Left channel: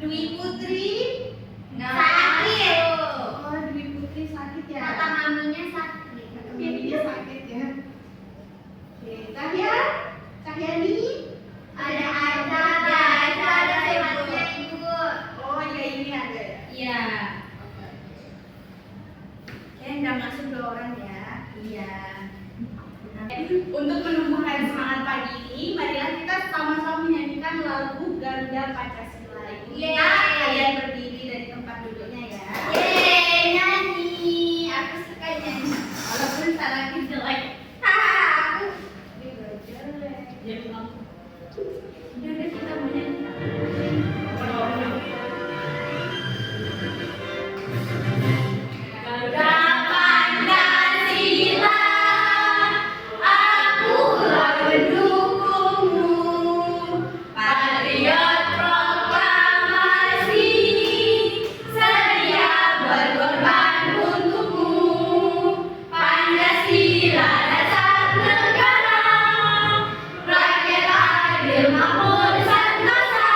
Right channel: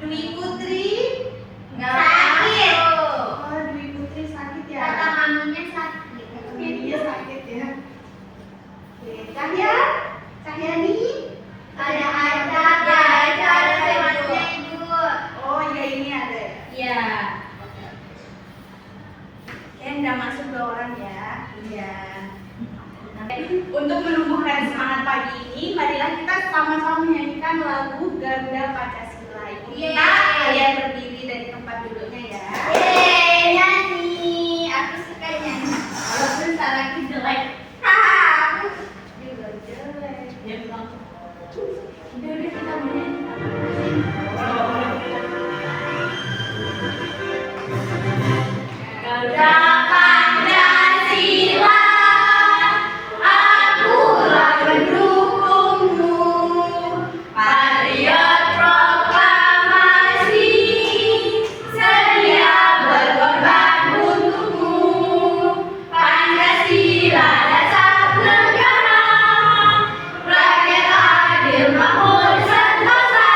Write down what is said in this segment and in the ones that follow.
Dwi Putri sakit. Oh, Dwi Putri sakit ya. Kata maminya sakit. Maminya sakit ya. Oke, Cahya, Cahyani. Ada acara semuanya ibu. Oh iya, ini ada. Iya. Udah masuk 2 orang ya. Iya. Untuk menumbuhkan semangat pagi ini, marilah kita sama-sama menyanyikan lagu Garuda Pancasila. Kita kalian berdiri dari tempat duduknya ya. Yeay, nyanyi. Aku suka nyanyi. Walaupun suaraku jelek. Haha, aku juga jelek. Ya, bilang. Udah kita mau nyanyi. Garuda Pancasila, akulah pendukungmu, patriot proklamasi, sedia berkorban untukmu. Pancasila dasar negara, rakyat adil makmur sentosa,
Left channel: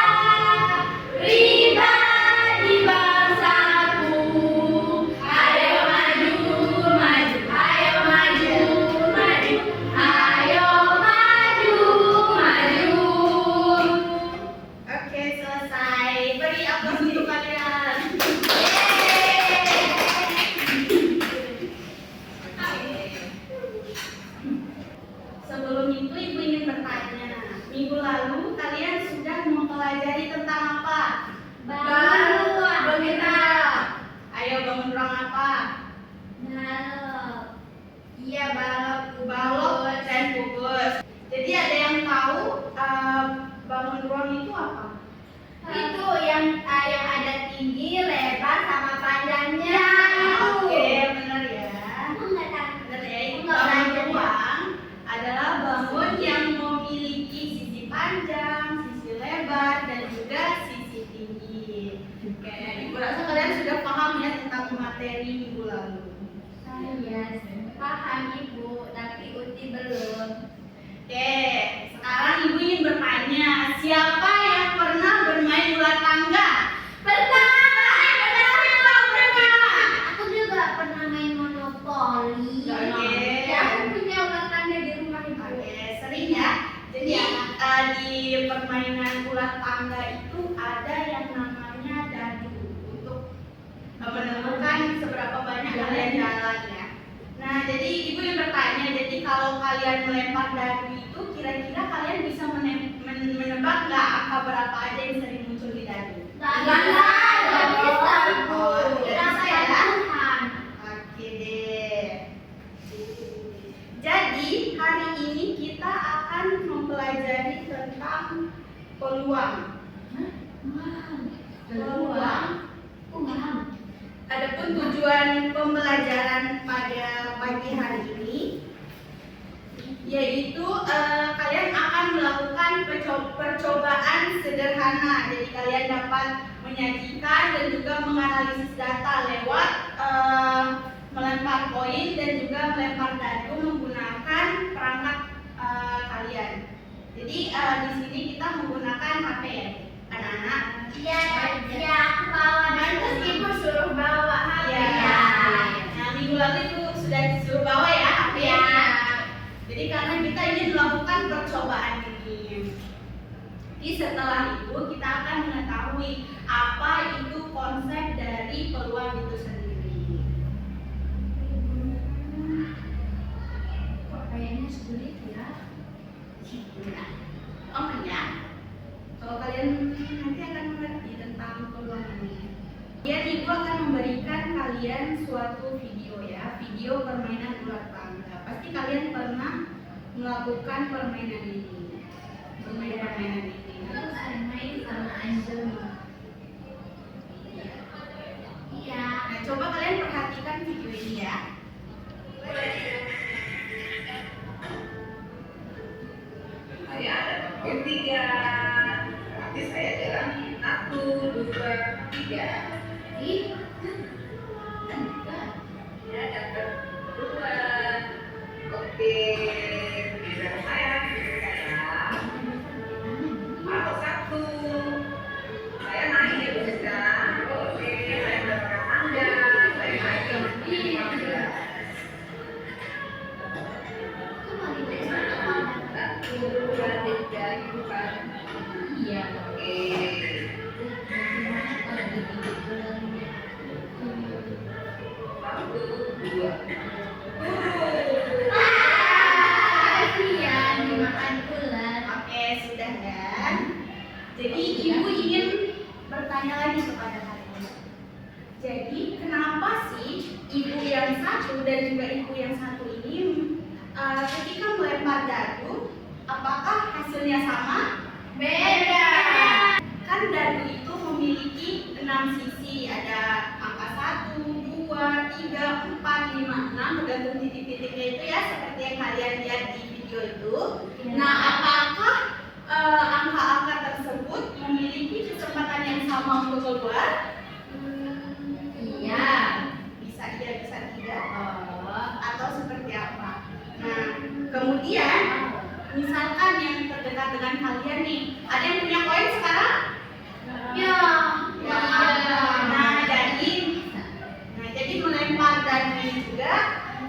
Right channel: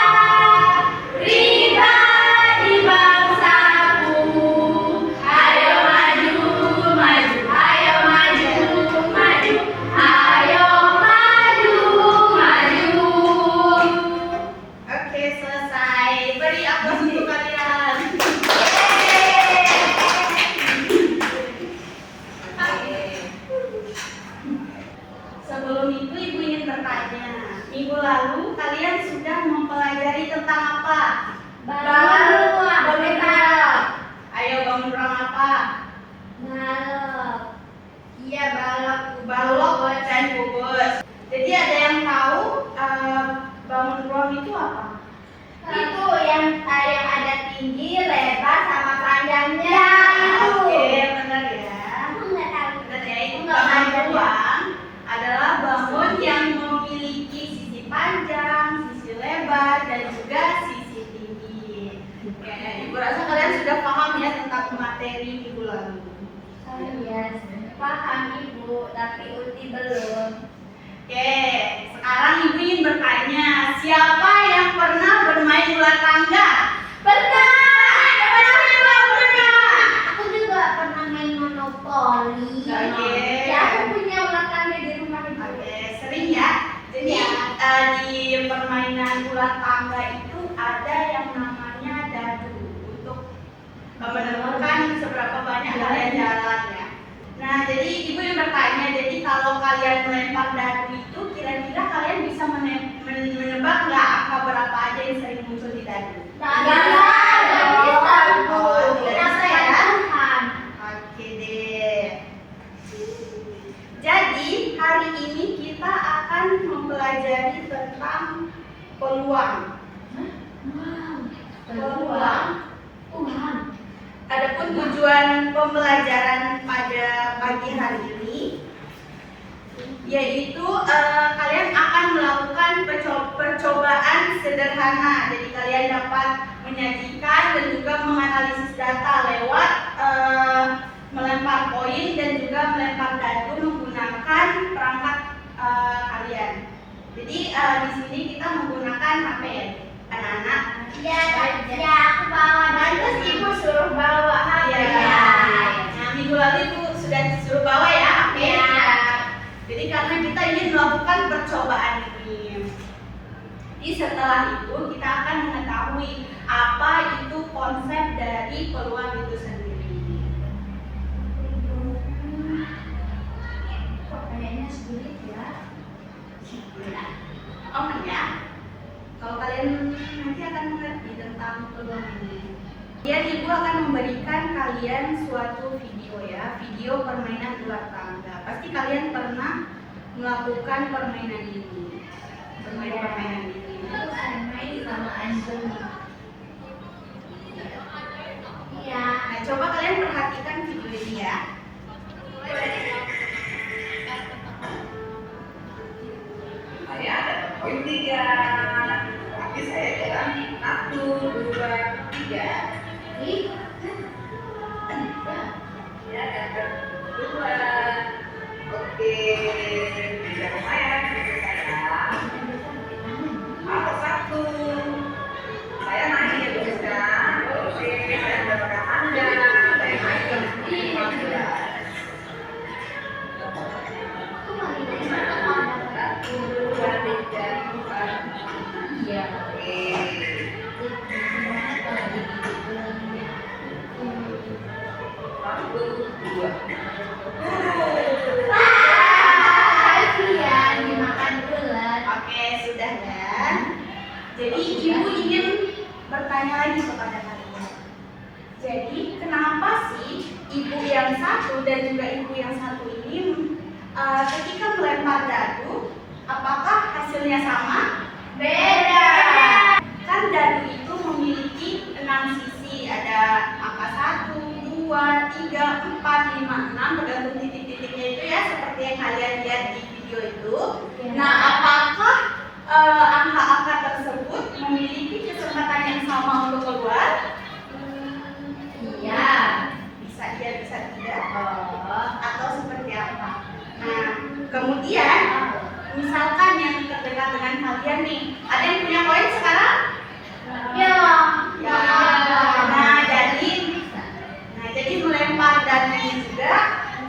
pribadi bangsaku. Ayo maju, maju, ayo maju, maju, ayo maju, maju. Oke, selesai. Beri aplaus untuk kalian. Oke. Sebelum itu Ibu ingin bertanya, minggu lalu kalian sudah mempelajari tentang apa? Bangun ruang. Ayo bangun ruang apa? Balok. Iya, balok. Balok dan kubus. Jadi ada yang tahu bangun ruang itu apa? Itu yang ada tinggi, lebar, sama panjangnya. Oke, benar ya. Aku nggak tahu. Benar ya, itu Nggak bangun panjang. ruang adalah bangun yang memiliki sisi panjang, sisi lebar, dan juga sisi tinggi. Oke, Ibu rasa kalian sudah paham ya tentang materi minggu lalu. Saya paham Ibu, tapi Uti belum. Oke, sekarang Ibu ingin bertanya, siapa yang pernah bermain ular tangga? Pernah. Aku juga pernah main monopoli. Oke. Ya, aku punya ular tangga di rumah Ibu. Oke, sering ya. Jadi di permainan ular tangga itu ada yang namanya dadu untuk menentukan seberapa banyak kalian jalan ya. Nah, jadi Ibu yang bertanya, jadi kalau kalian melempar dadu itu kira-kira kalian bisa menebak nggak angka berapa aja yang sering muncul di dadu? Nggak bisa Ibu. Oh, tidak bisa ya. Tuhan. Oke deh. Jadi hari ini kita akan mempelajari tentang peluang. Peluang. Adapun tujuan pembelajaran pada pagi hari ini yaitu kalian akan melakukan percobaan sederhana. Jadi kalian dapat menyajikan dan juga menganalisis data lewat melempar koin dan juga melempar dadu menggunakan perangkat kalian. Jadi di sini kita menggunakan HP ya, anak-anak. Iya, ya aku bawa. Nanti Ibu suruh bawa HP. Iya. Nah, minggu lalu Ibu sudah disuruh bawa ya HP. Iya. Jadi karena kita ingin melakukan percobaan ini. Jadi setelah itu kita akan mengetahui apa itu konsep dari peluang itu sendiri. Kok kayaknya sulit ya? Ya. Oh ya. Kalau kalian nanti akan mengerti tentang peluang ini. Kemudian Ibu akan memberikan kalian suatu video ya, video permainan ular tangga. Pasti kalian pernah melakukan permainan ini, permainan ini. Aku main sama Anjeli. Iya. Nah, coba kalian perhatikan video ini ya. Saya ada poin 3, tapi saya jalan 1, 2, 3. Ih, Ya, dan kedua. Oke, bisa lumayan menurut saya. Atau 1. bertanya lagi kepada kalian. Jadi, kenapa sih ibu yang satu dan juga ibu yang satu ini ketika melempar dadu, apakah hasilnya sama? Beda. Kan dadu itu memiliki 6 sisi, ada angka 1, 2, 3, 4, 5, 6, tergantung titik-titiknya itu ya, seperti yang kalian lihat di video itu. Nah, apakah angka-angka tersebut memiliki kesempatan yang sama untuk keluar? Iya. Bisa iya, bisa tidak, Oh. atau seperti apa? Nah, kemudian misalkan yang terdekat dengan kalian nih, ada yang punya koin sekarang? Ya. Ya. Nah, jadi melempar dadu juga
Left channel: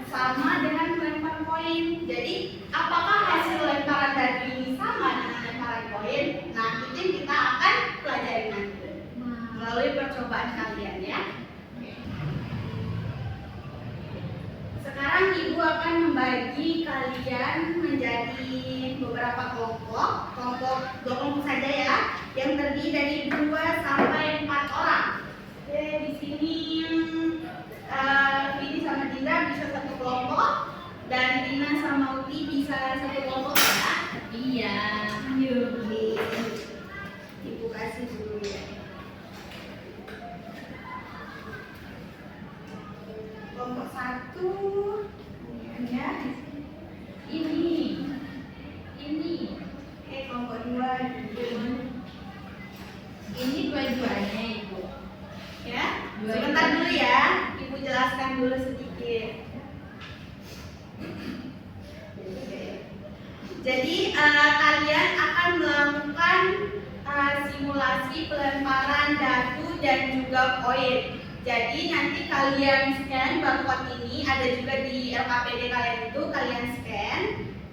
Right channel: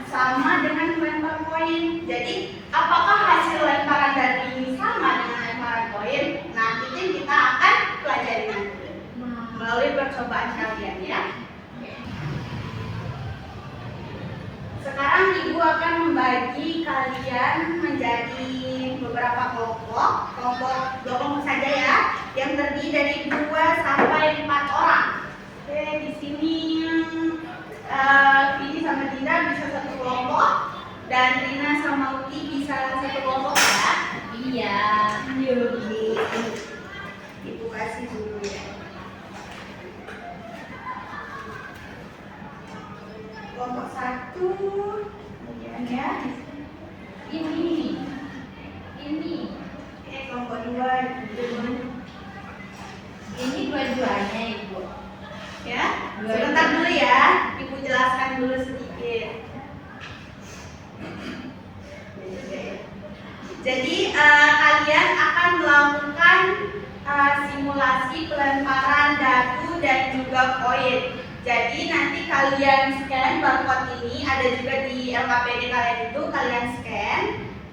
sama dengan melempar koin. Jadi, apakah hasil lemparan dadu ini sama dengan lemparan koin? Nah, itu yang kita akan pelajari nanti melalui percobaan kalian ya. Sekarang ibu akan membagi kalian menjadi beberapa kelompok, dua kelompok saja ya, yang terdiri dari 2 sampai 4 orang. Oke, di sini Vini sama Dinda bisa satu kelompok dan Rina sama Uti bisa satu kelompok ya. Iya. Ibu kasih dulu ya. Kelompok 1, kemudian ya. Ini. Kelompok 2. Ini dua-duanya ibu. Ya, sebentar dulu ya, ibu jelaskan dulu sedikit. Jadi kalian akan melakukan simulasi pelemparan dadu dan juga koin. Jadi nanti kalian scan barcode ini, ada juga di LKPD kalian itu, kalian scan.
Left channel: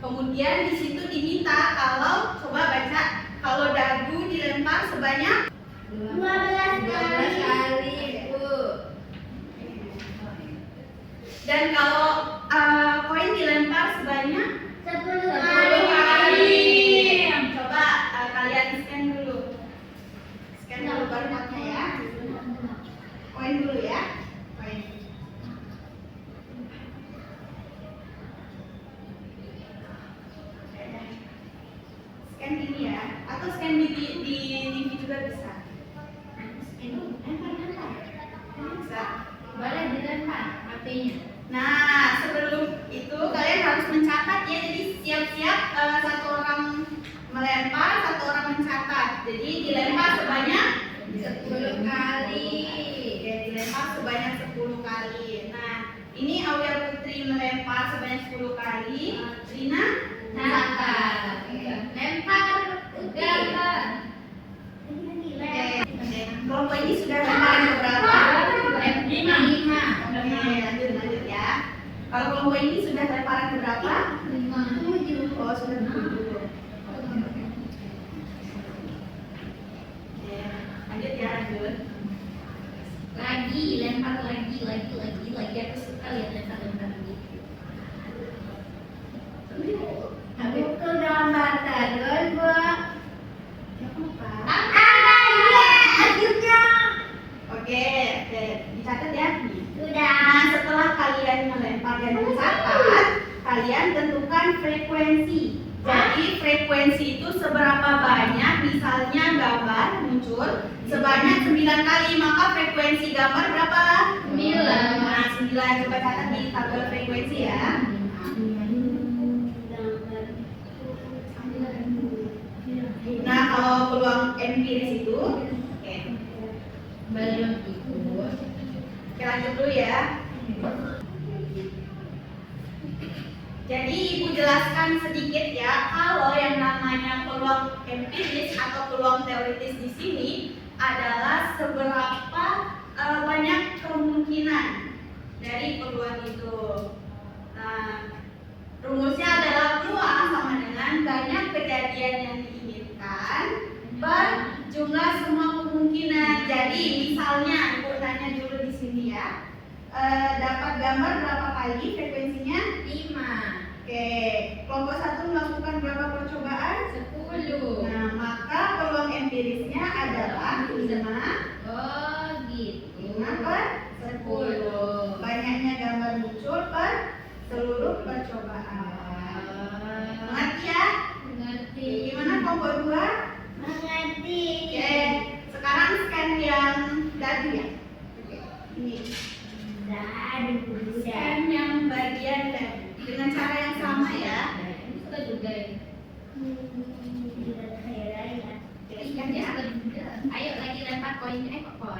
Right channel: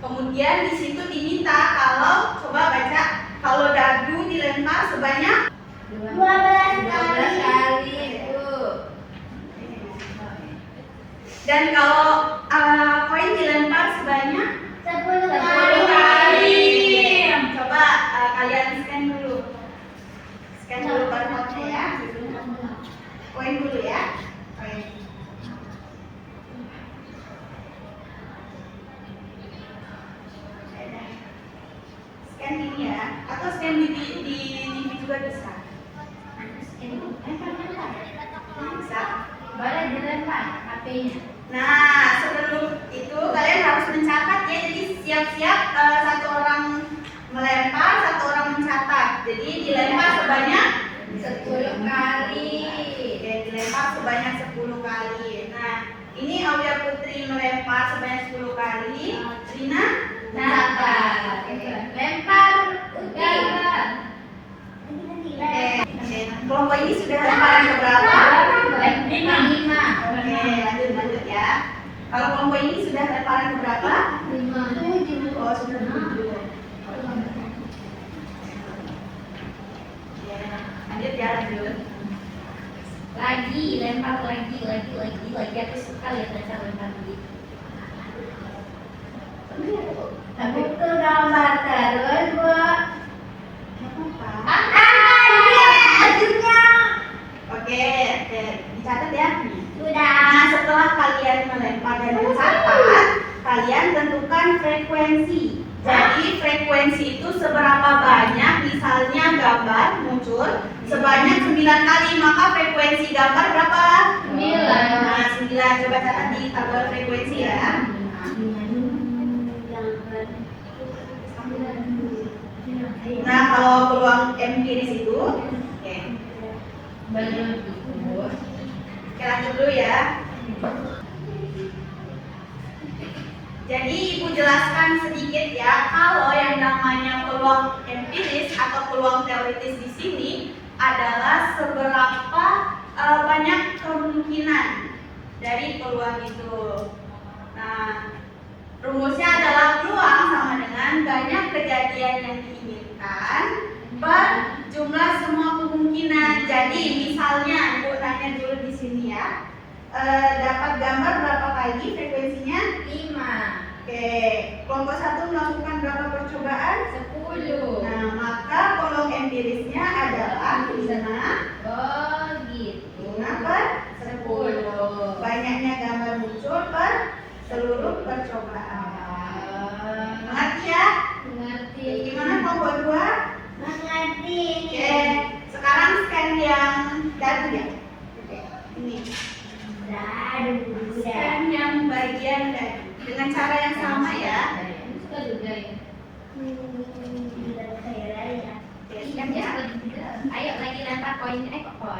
Kemudian di situ diminta kalau, coba baca, kalau dadu dilempar sebanyak 12 kali ibu. dan kalau koin dilempar sebanyak 10 kali. Coba kalian scan dulu. Scan dulu barcode-nya ya. Koin dulu ya. Koin. Scan ini ya. Atau scan di TV juga bisa. Bisa. Boleh dilempar HP-nya. Nah, sebelum itu kalian harus mencatat ya. Jadi siap-siap satu orang melempar, satu orang mencatat. Jadi dilempar sebanyak 10 kali. Oke, dilempar sebanyak 10 kali. Nah, ini Aulia Putri melempar sebanyak 10 kali. Rina Catat. Lempar. Udah. Oke. Kelompok ini sudah lemparan keberapa? 5. Oke, lanjut ya. Kalau kelompok ini sudah lemparan keberapa? 7. Oh, sudah 7. Oke, lanjut ya, lanjut. Lagi, lempar lagi. Aku suka lihat lempar begitu. Aku tuh gambar terus, Bu. Akhirnya. Oke, dicatat ya. Sudah. Nah, setelah kalian melempar dan mencatat, kalian tentukan frekuensi. Jadi frekuensi itu seberapa banyak, misalnya gambar muncul sebanyak 9 kali, maka frekuensi gambar berapa? 9. Nah, 9. Coba catat di tabel frekuensi ya. Nah, kalau peluang empiris itu, oke. Belum itu. Oke, lanjut dulu ya. Jadi ibu jelaskan sedikit ya, kalau yang namanya peluang empiris atau peluang teoritis di sini adalah seberapa banyak kemungkinan dari peluang itu. Nah, rumusnya adalah peluang sama dengan banyak kejadian yang diinginkan per jumlah semua kemungkinan. Jadi misalnya ibu tanya dulu di sini ya, dapat gambar berapa kali frekuensinya? 5. Oke, kelompok 1 melakukan berapa percobaan? 10. Nah, maka peluang empirisnya adalah 5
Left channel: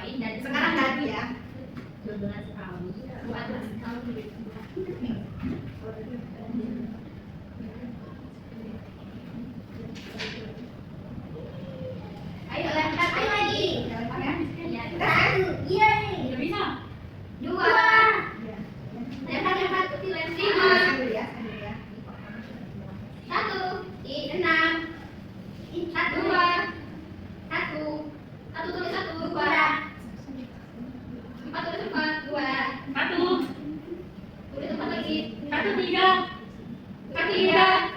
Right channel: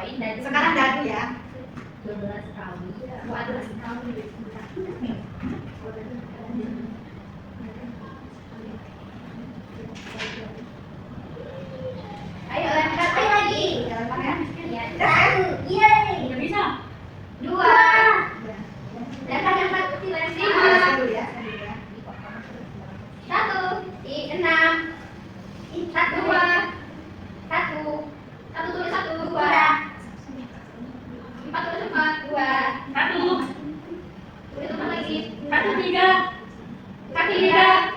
poin dan Sekarang dadu ya. 12 kali 14 kali. Ayo lempar, ayo lagi. Lempar ya. Ya. Satu, yeay. Udah bisa? 2. Lempar kecil, lima. Saya dulu ya. 1, 6. 1, 2. 1. 1 tulis 1, 2. 4 tulis 4, 2. 1, Tulis 4 lagi. 1, 3, 3.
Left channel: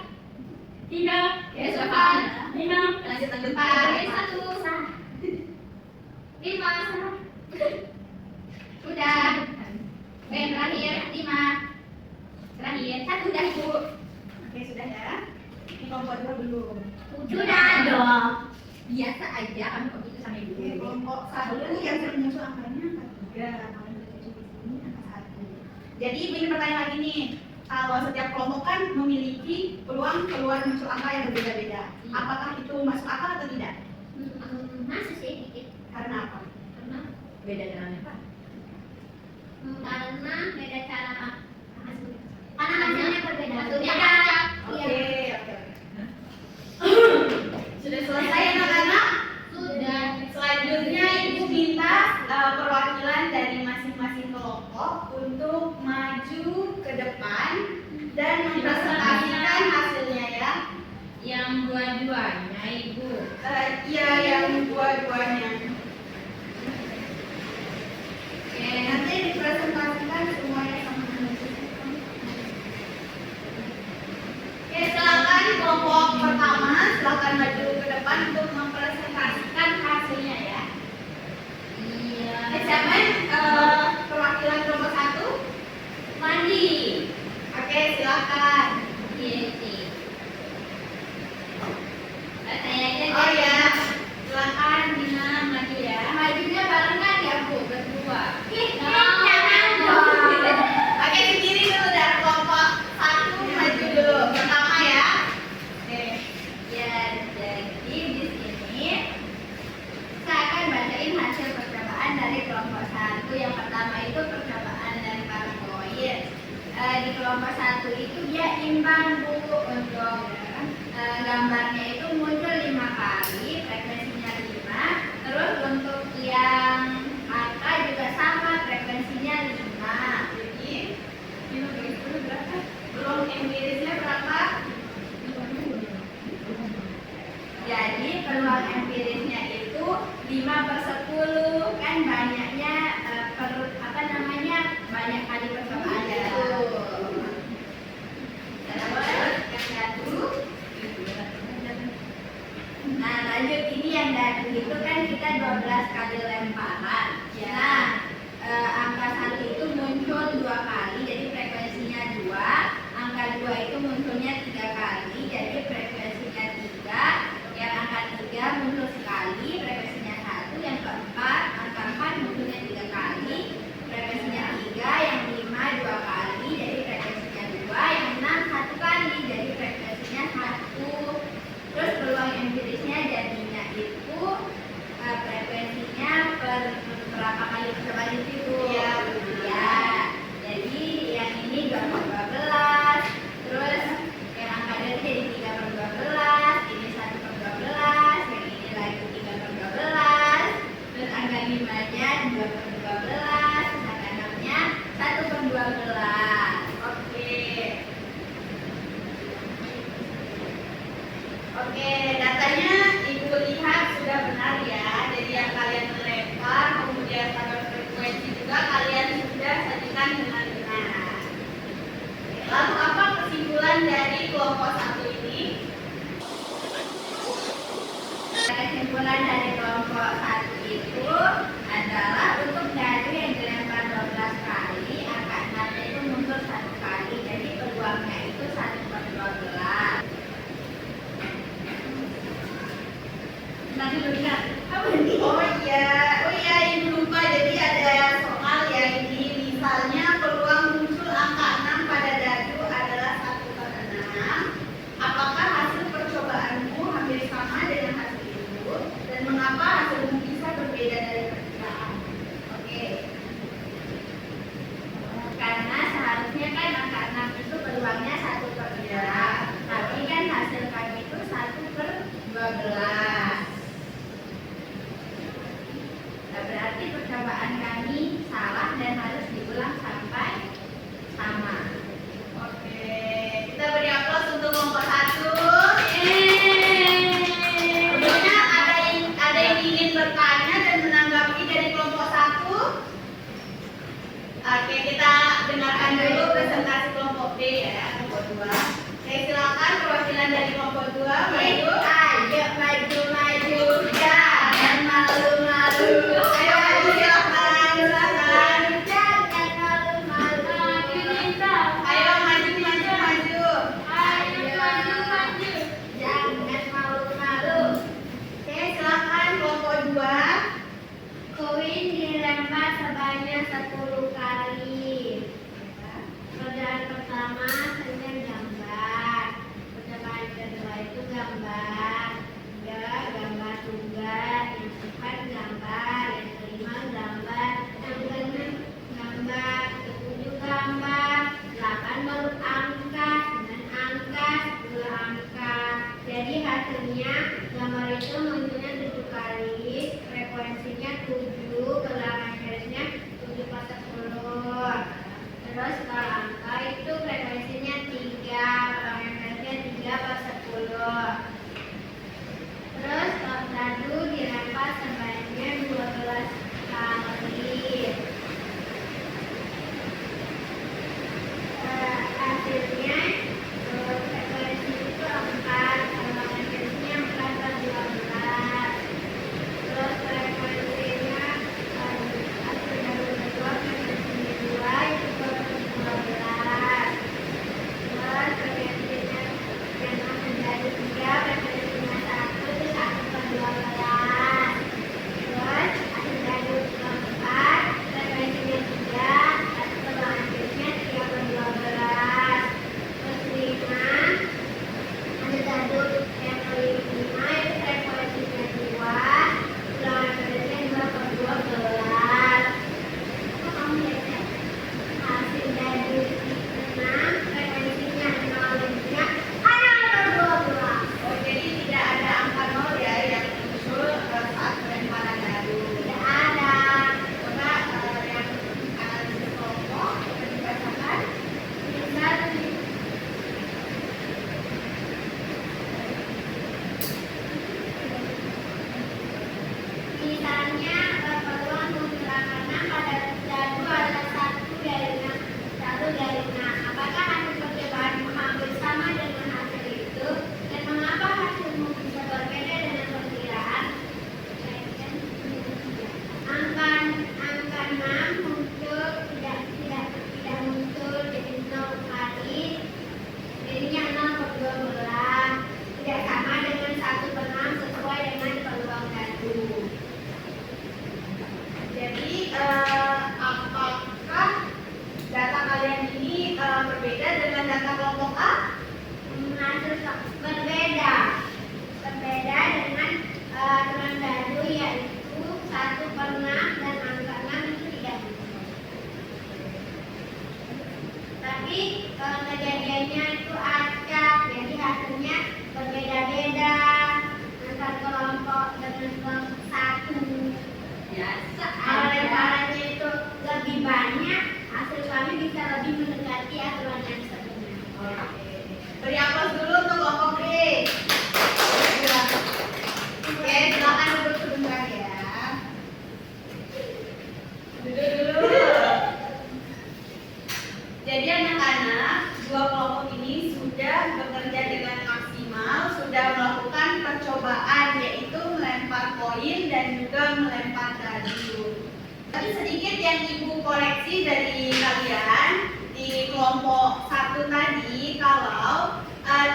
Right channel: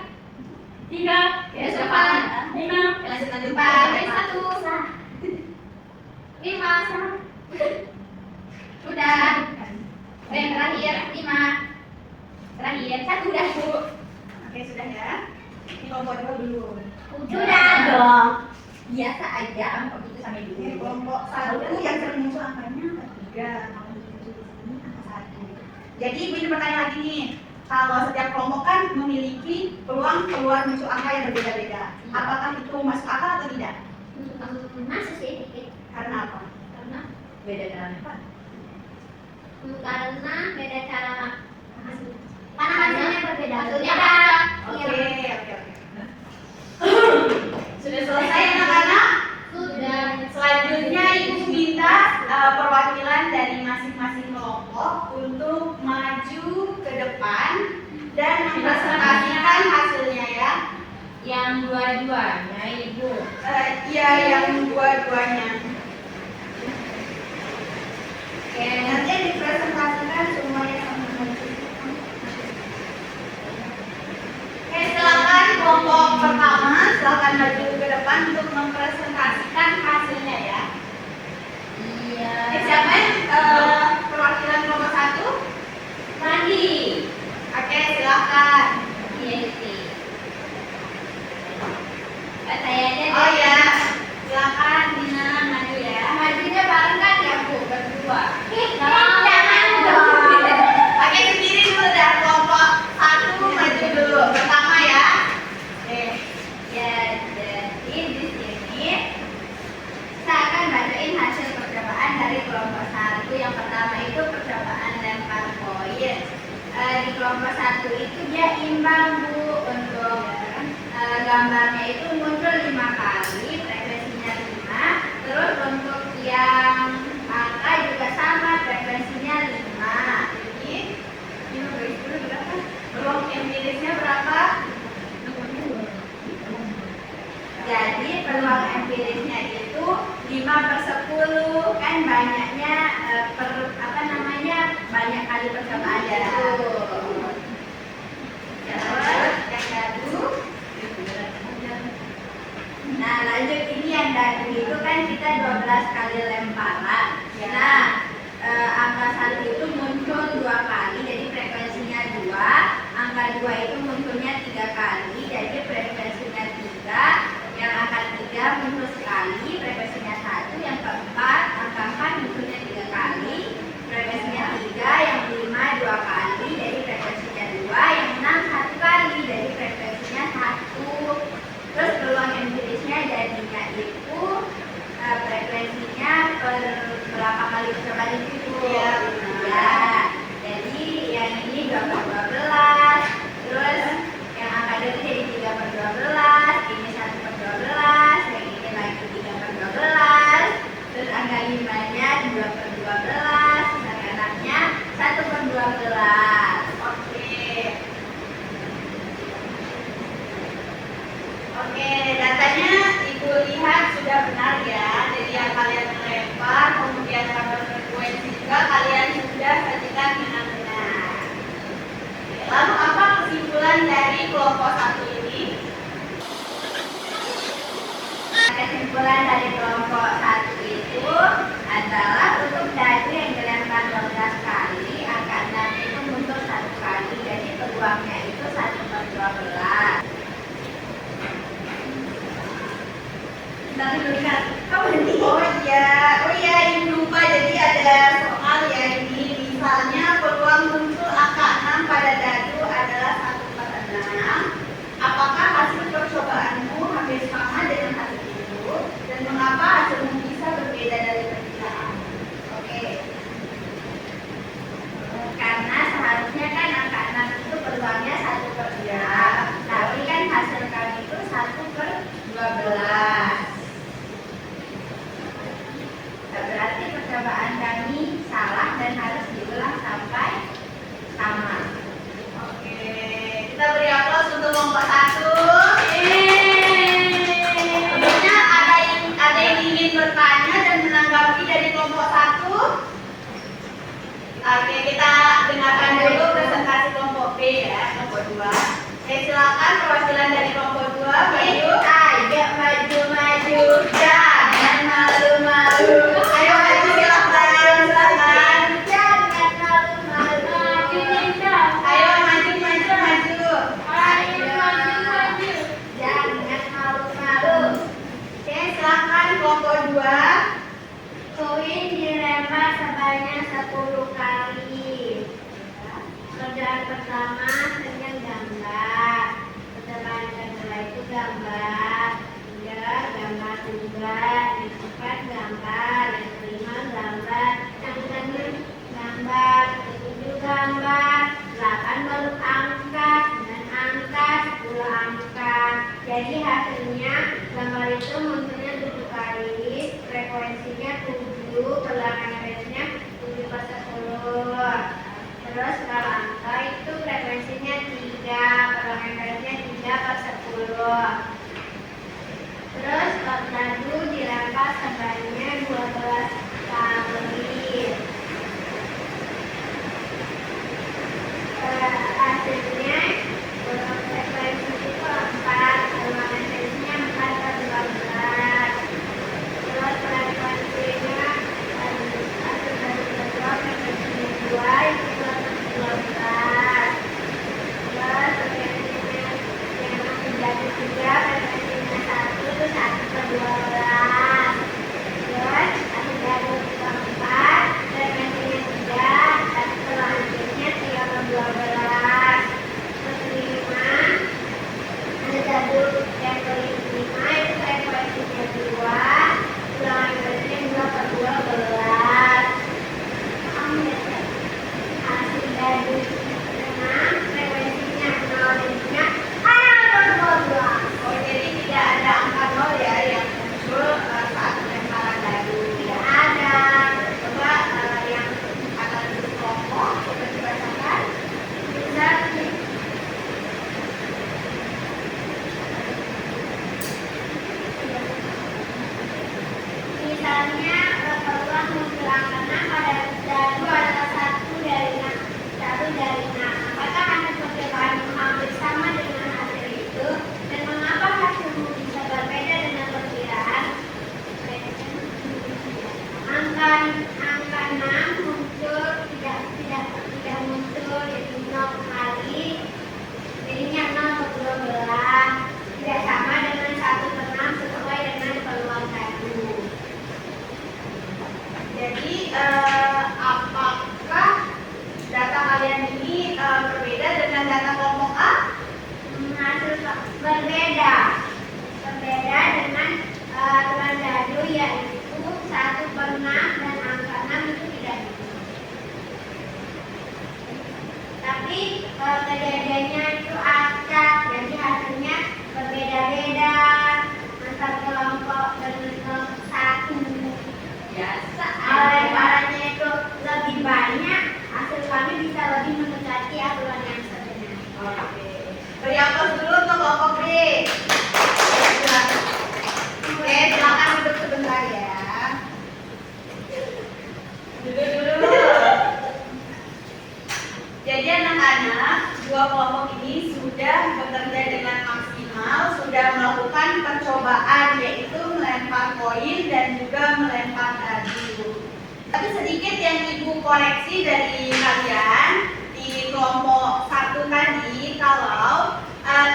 3, Tulis 4. 5, Lanjut 4. Pak. Tulis 1. 5. Sudah. Yang terakhir 5. Terakhir 1 udah, Bu. Oke, sudah ya. Ini kelompok dua dulu. Sudah dong. Biasa aja kamu kok gitu sampai dulu. Oke, kelompok satu yang sering muncul angkanya angka 3. Kalau muncul di sini angka 1. Jadi ini pertanyaan lagi nih. Kalau setiap kelompok kan memiliki peluang keluar muncul angka yang berbeda-beda. Apakah itu masuk akal atau tidak? Masih sih dikit. Karena apa? Karena beda cara lempar. karena beda cara karena hasilnya berbeda. Hasilnya Oke, iya. oke, oke. Sudah selesai anak-anak? Sudah. Selanjutnya Ibu minta perwakilan dari masing-masing kelompok untuk maju ke depan dan mempresentasikan hasilnya ya. Yang dua-duanya Ibu. Iya, yang dua-duanya. Oke. Nanti dipresentasikan semuanya sama maju. Oke, silakan kelompok pertama, silakan maju ke depan untuk mempresentasikan hasilnya ya. Iya. Siapa perwakilan kelompok 1? Mandi. Oke, silakan. Iya sih. Saya aja. Oh ya, silakan Dina maju ya. Majunya bareng kan ya, Bu, berdua. Jangan dong. Oke, sendiri dulu dari kelompok 1 maju dulu. Pertama ya. Oke. Ya, jadi di sini saya akan bacain hasil percobaan dari kelompok 1. Yang pertama itu percobaan lempar poin. Di kelompok 1 itu dia imbang, Bu. Untuk gambarnya itu muncul 5 kali, frekuensinya 5. Terus untuk yang angka juga sama, frekuensinya 5. Jadi, ini beri dulu berapa? Peluang empirisnya berapa? Jadi peluang empirisnya itu 5/10, kan banyaknya banyak kali percobaan Iya. itu. Terus yang dadu. Nah lanjut, ini yang dadu itu kan kita 12 kali lemparan. Ya. Nah angka 1 itu muncul 2 kali, jadi frekuensinya 2. Angka 2 itu munculnya 3 kali, jadi frekuensinya 3. Yang angka 3 muncul sekali, frekuensinya 1. Yang keempat, angka 4 munculnya 3 kali, frekuensinya 3. Yang 5 2 kali, jadi frekuensinya 2. Yang 6 1 kali, jadi frekuensinya 1. Terus peluang empirisnya jadinya itu frekuensinya per berapa kali percobaan itu? Iya. Ya. Jadi yang ini 2/12. Terus yang angka 2 jadi 3/12. Ini 1/12. Yang ini lagi 3/12. Terus angka 5-nya 2/12. Angka 6-nya 1/12. Oke. Oke, datanya Ibu lihat sudah benar ya. Jadi yang kalian lempar, kemudian tambah frekuensi percobaan kami salah dan harus diulang sampai sama. Oke, kita beri aplaus untuk kelompok 1. Sebelumnya ada yang ingin bertanya dan menanggapi dari kelompok 1? Oke, kita dengarkan dulu presentasi kelompok B ya, kelompok 2. Saya silakan perwakilan dari kelompok 2 maju. Ayo maju, jangan malu-malu. Ayo maju silakan, silakan. Jangan malu-malu. Ayo maju. Jangan malu-malu. Oke, silakan kelompok 2. Koin dilempar sebanyak 10 kali. Percobaan pertama dengan gambar. Percobaan kedua itu gambar. Gambar juga. Yang keempat gambar. Yang kelima gambar. Yang keenam gambar. Ketujuh gambar. 8 bentuk angka. 9 angka. 10 angka. Jadi hasilnya gambar itu munculnya 7 kali. Frekuensinya 7. Perlawanan garisnya 7 per 10. Terus kalau angka itu frekuensinya 3, perlawanan garisnya 3 per 10. Terus dadu dilempar sebanyak 12 kali. Hasilnya frekuensi itu 4, perlawanan garisnya 4 per 12. Terus frekuensinya hasil dari kedua frekuensinya 2 itu 12. Terus frekuensinya yang menjadi 3 frekuensinya 1 itu 1 per 12. Terus hasil dari keempat frekuensinya 3 tapi perlawanannya 3 per 12. Terus 5 ada dadu yang kelima itu frekuensinya 2. Ulangan garisnya 2 per 12. Hasil dari 6 frekuensinya 0 jadinya 0 per 12. Oh, jadi tidak ada angka 0 ya yang muncul saat pelemparan dadu. Tidak ada. Coba yang analisis kelompok coba dibacakan. Bisa misalnya peluang muncul angka 6 pada dadu adalah 1 dari 6. Apakah hasil percobaan hampir sama dengan hasil itu? Dan mengapa hasilmu bisa berbeda dengan perkiraan? Angka 6 muncul tidak muncul jadi 0 kali. Jadinya 0 per 12. Tidak sama dengan 1 per 6 sesuai dengan peluang dadu. Jadi apakah data kalian ini berbeda dengan data kelompok A? Hasil berbeda dengan aturan dadu yaitu 1 per 6 dan angka 6 itu tidak bisa. Tapi kejadiannya itu acak, jadi hasilnya berbeda-beda antar kelompok dengan kelompok 1. Biasa. Lemparannya itu lebih banyak, hasil kami bisa lebih mendekati aturan yang sebenarnya. Oke. Beri aplaus dulu untuk kelompok B. Oke, silakan duduk sebentar ya. Duduk dulu. Jadi anak-anak, dua kelompok ini sudah bekerja dengan maksimal, sudah melakukan percobaan yaitu melempar koin dan juga melempar dadu. Tapi sedikit yang ibu koreksi dari kalian di kelompok 1 tadi, kalau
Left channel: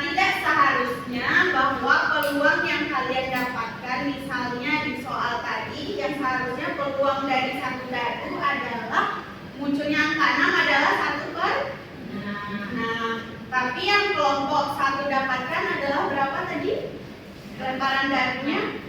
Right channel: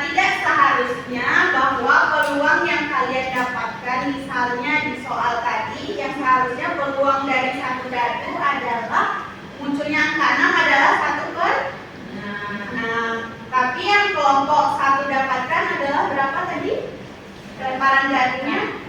tidak seharusnya bahwa peluang yang kalian dapatkan misalnya di soal tadi yang seharusnya peluang dari 1 dadu adalah munculnya angka 6 adalah 1 per 6. Tapi yang kelompok 1 dapatkan adalah berapa tadi? Lemparan dadunya